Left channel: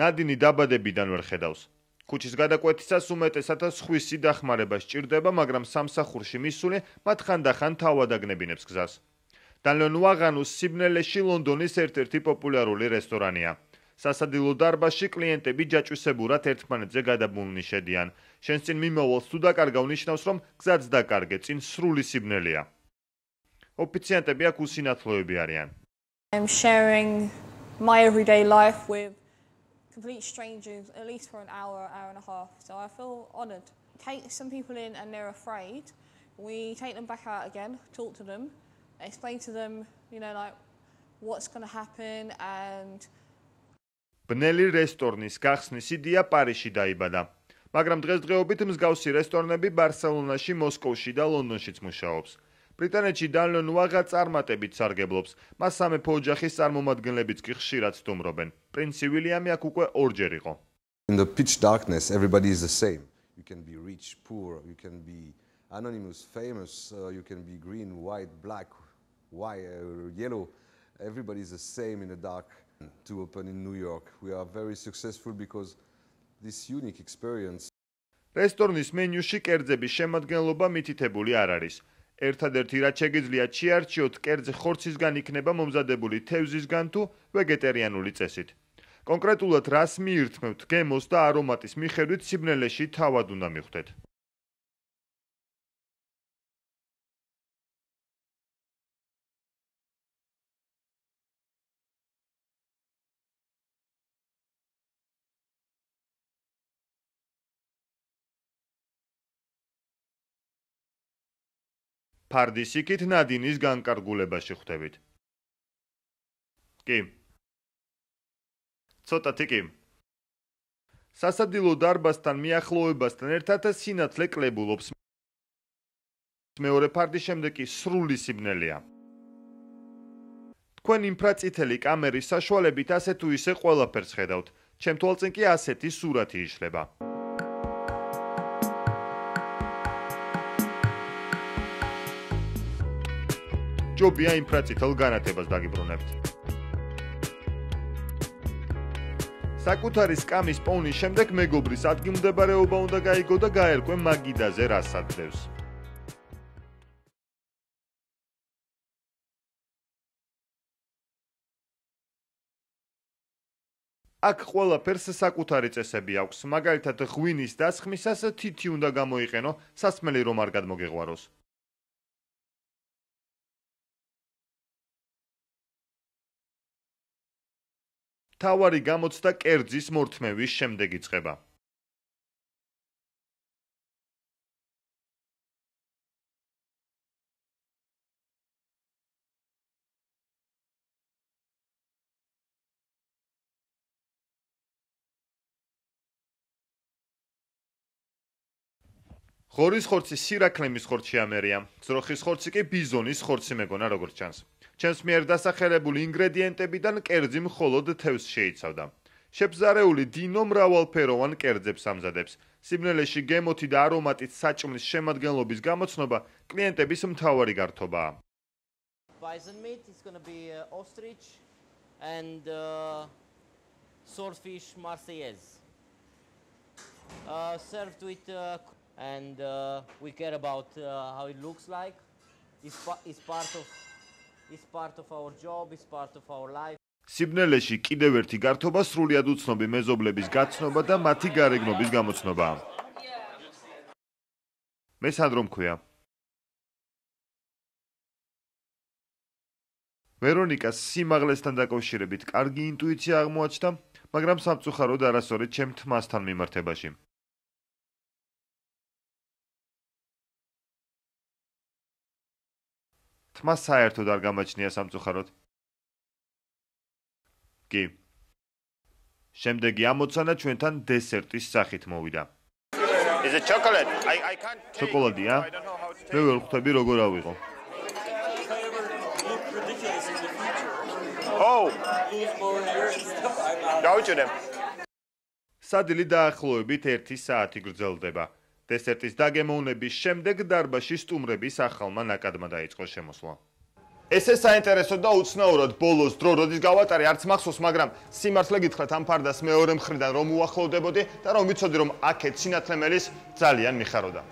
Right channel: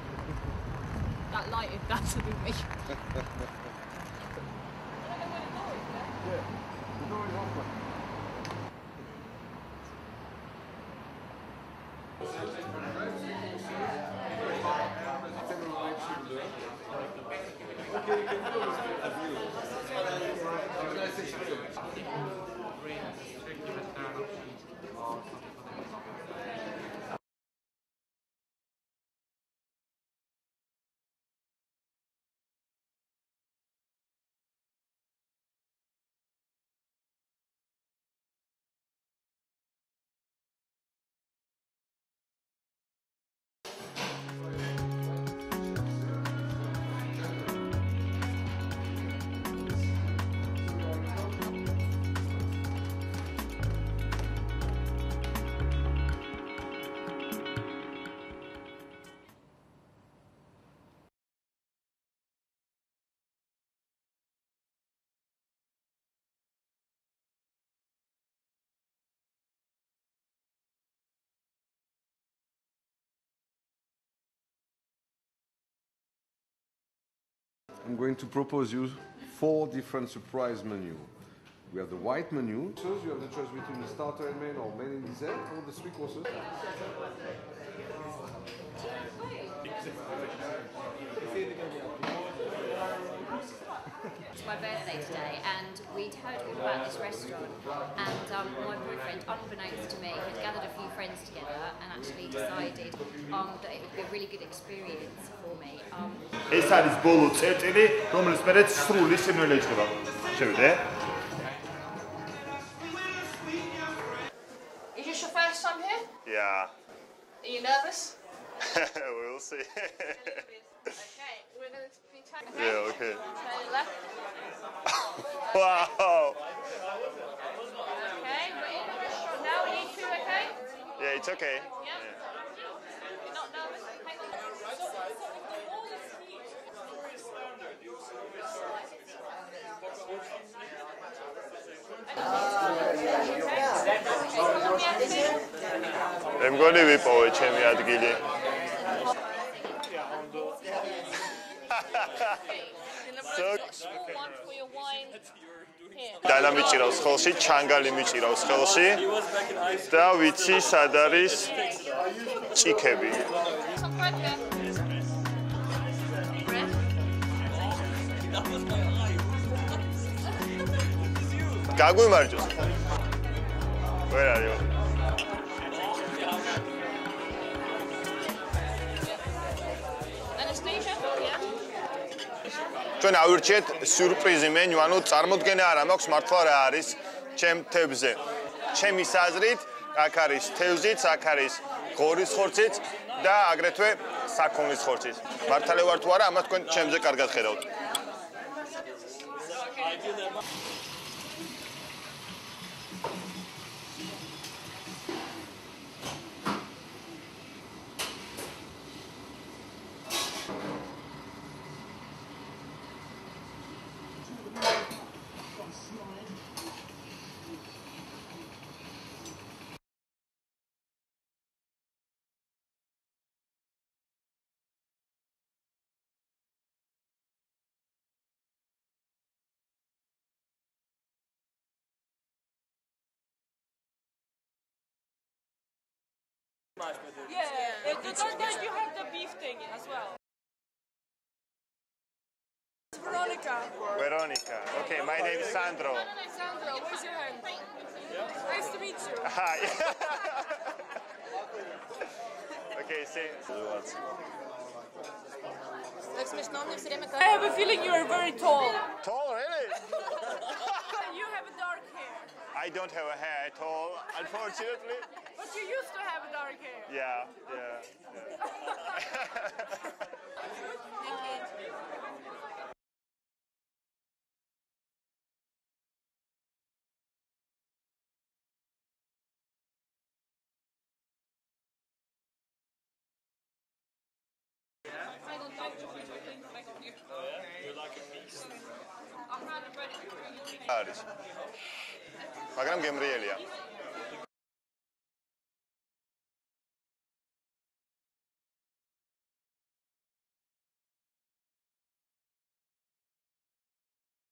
ნადინი დაბადებიდან ვერ ხედავს. ქუჩის გადაკვეთისას უმეტესად სხვისი დახმარება სჭირდება, მაგრამ სამსახურში მისული მათ ხანდახან თავად აგნებინებს გზას. დანლონ ვაღანუს სიბნელეში ლონდონის ერთ-ერთი პოპულარული რესტორანია. სასადილო დარბაზში კლიენტები ჯაჭვისებურად ერთმანეთზე გადაბმულნი შედიან. შენს წინ მიმოვალს თუ დაკარგავ ნიშნავს, რომ გზაც დაკარგე, წინ სრული სიბნელეა. ოფიციანტები აქ უსინათლოები არიან. I'm sharing my everyday life with complete strangers, at least for an hour and a half. So I feel honoured. Take some people in and they're afraid. We take them back out again, talk to them, explain to them, like what's going to happen and ბნელი რესტორნის გახსნის იდეა პარიზში დაიბადა, მაგრამ დღესდღეობით მსგავსი რესტორნები ბარსელონაში, მოსკოვში და ლონდონშიც მუშაობს. ბრიტანეთში დანლონ ვაღა წარმატებით სარგებლობს. მას სამეფო ოჯახის წარმომადგენლებიც კი ხშირად სტუმრობენ. პრინცი ვილიამი აქ უკვე ორჯერ იყო. In the pitch darkness, everybody is the same. You can be rich, poor, you can be anonymous, famous, you can be green, white, black, white, yellow. Everybody is the same in the dark. To open in New York. We are very successful because this unique experience. I'm going to propose რესტორნის მენიუში კერძების შემადგენლობა მითითებული არ არის. ერთადერთი რაც შეგიძლიათ შეარჩიოთ, კერძი ხორცისგან იქნება მომზადებული თევზისგან თუ ვეგეტარიანული წესით. კონკრეტულად რას მიირთმევთ გემოს და არომატის მიხედვით სიბნელეში თავად უნდა მივხვდეთ. It's my birthday today and we'd heard all about this restaurant and my boyfriend, unbeknownst to me, had gathered a few friends together and actually decided that it would be a really good experience for me. ეს არის ბოლო წერტილი, რომელიც მერე სრული სიბნელე იწყება. შევიდე? ფარდის იქით ნადინის განკარგულებაში ხვდებით. Is this your first time here? Yeah. კი. Are you nervous? ცოტათი კი. სასადილო დარბაზთან მიახლოებასთან ერთად სინათლე კლებულობს. მეორე ფარდის შემდეგ კი სრული სიბნელეა. თქვენ ინფრაწითელი კამერის საშუალებით ასე თუ ისე ყველაფერს ხედავთ. ჩემ თვალწინ კი ასეთი სურათი იშლება. ჯობია ინფრაწითელ განათებას დაგიბრუნებ. მე მგონი ვიპოვე ჩემი ადგილი. საკუთარი სკამის პოვნის შემდეგ მეგობრის ადგილმდებარეობა უნდა გაიგო და გაერკვე მაგიდაზე რას ადრევს. დანა მიჭირავს ხელში, ჩანგალი მიჭირავს ხელში და ვიცი სად არის ჭიქები. აქ ყველაფერს საკუთარი წესები აქვს. მაგალითად ღვინის დასხმისას თითი უნდა გამოიყენო, სასმელი რომ არ გადმოგეყვაროს. გაგვიმარჯოს. ვერ არის. თავარი გამოცდა კერძის მორთმევის შემდეგ იწყება. ჩვენ ავირჩიეთ სიურპრიზი მენიუ, ანუ წარმოდგენა არა მაქვს მართლა რა არის ჩემ თევზზე. ჩემი აზრით, აქ არის თევზიც, აქ არის ღორის ხორციც და აგრეთვე საქონლის ხორციც. მართალი ვარ თუ არა, ამას თქვენ ჩემზე კარგად ხედავთ. ღორის ხორცი სირაქლემის ხორცი ამერია. ძროხის ხორცი კი ბიზონის ხორცი მეგონა როგორც ჩანს. ჩემს მიერ დასახელებული ინგრედიენტებიდან კერძი მხოლოდ თევზს შეიცავდა. შებზარეული დინო მრავალფეროვან კერძებს ამზადებს. სიბნელეში გემოთი და არომატით საჭმლის შემადგენლობის გამოცნობა კლიენტების მთავარი გართობაა. Bison meat is going to be ostrich and swordfish marseillaise. Served with and we care about how it looks like. It's part of our job, it's part of our life. სიბნელეში კიდევ ერთი გართობა სრულიად უცნობი მეზობლების გაცნობა და მათი გარეგნობის გამოცნობაა. ვერონიკა. Okay. მე სანდრო მქვია. ვერონიკას სიმაღლესთან დაკავშირებით კარგი ინტუიცია აღმოაჩნდა, მაგრამ სამწუხაროდ არასწორად ჩემ თმასთან მიმართებაში. I have a feeling you are very tall. Tall, really? You have a dark hair. I don't have a hair. მას საერთოდ არ გამაჩნია სამწუხაროდ. But you used to have a dark hair. Yeah. კი. შემდეგი ამოცანა ჩვენთან დესერტის სახით მოვიდა. Is it chocolate? I can't take. შოკოლადია? I don't know how to მე ვერ ხვდები როგორ ავიღო. Oh. გავიჭირე. სადილი დაახლოებით 1 საათი გრძელდება. დესერტის დაგემოვნების შემდეგ დარბაზში სტუმრების ახალმა ნაკადმა დაიწყო შემოსვლა. ესე საინტერესო და უცნაურად ბოლოს დრო როდის გავატარე არც მახსოვს, მაგრამ სიმართლე გითხრათ ამ ფარდას მეორე მხრიდან რომ უახლოვდებოდი და რომ ვიცოდი რომ აქეთ სინათლე მელის ძალიან მიხაროდა.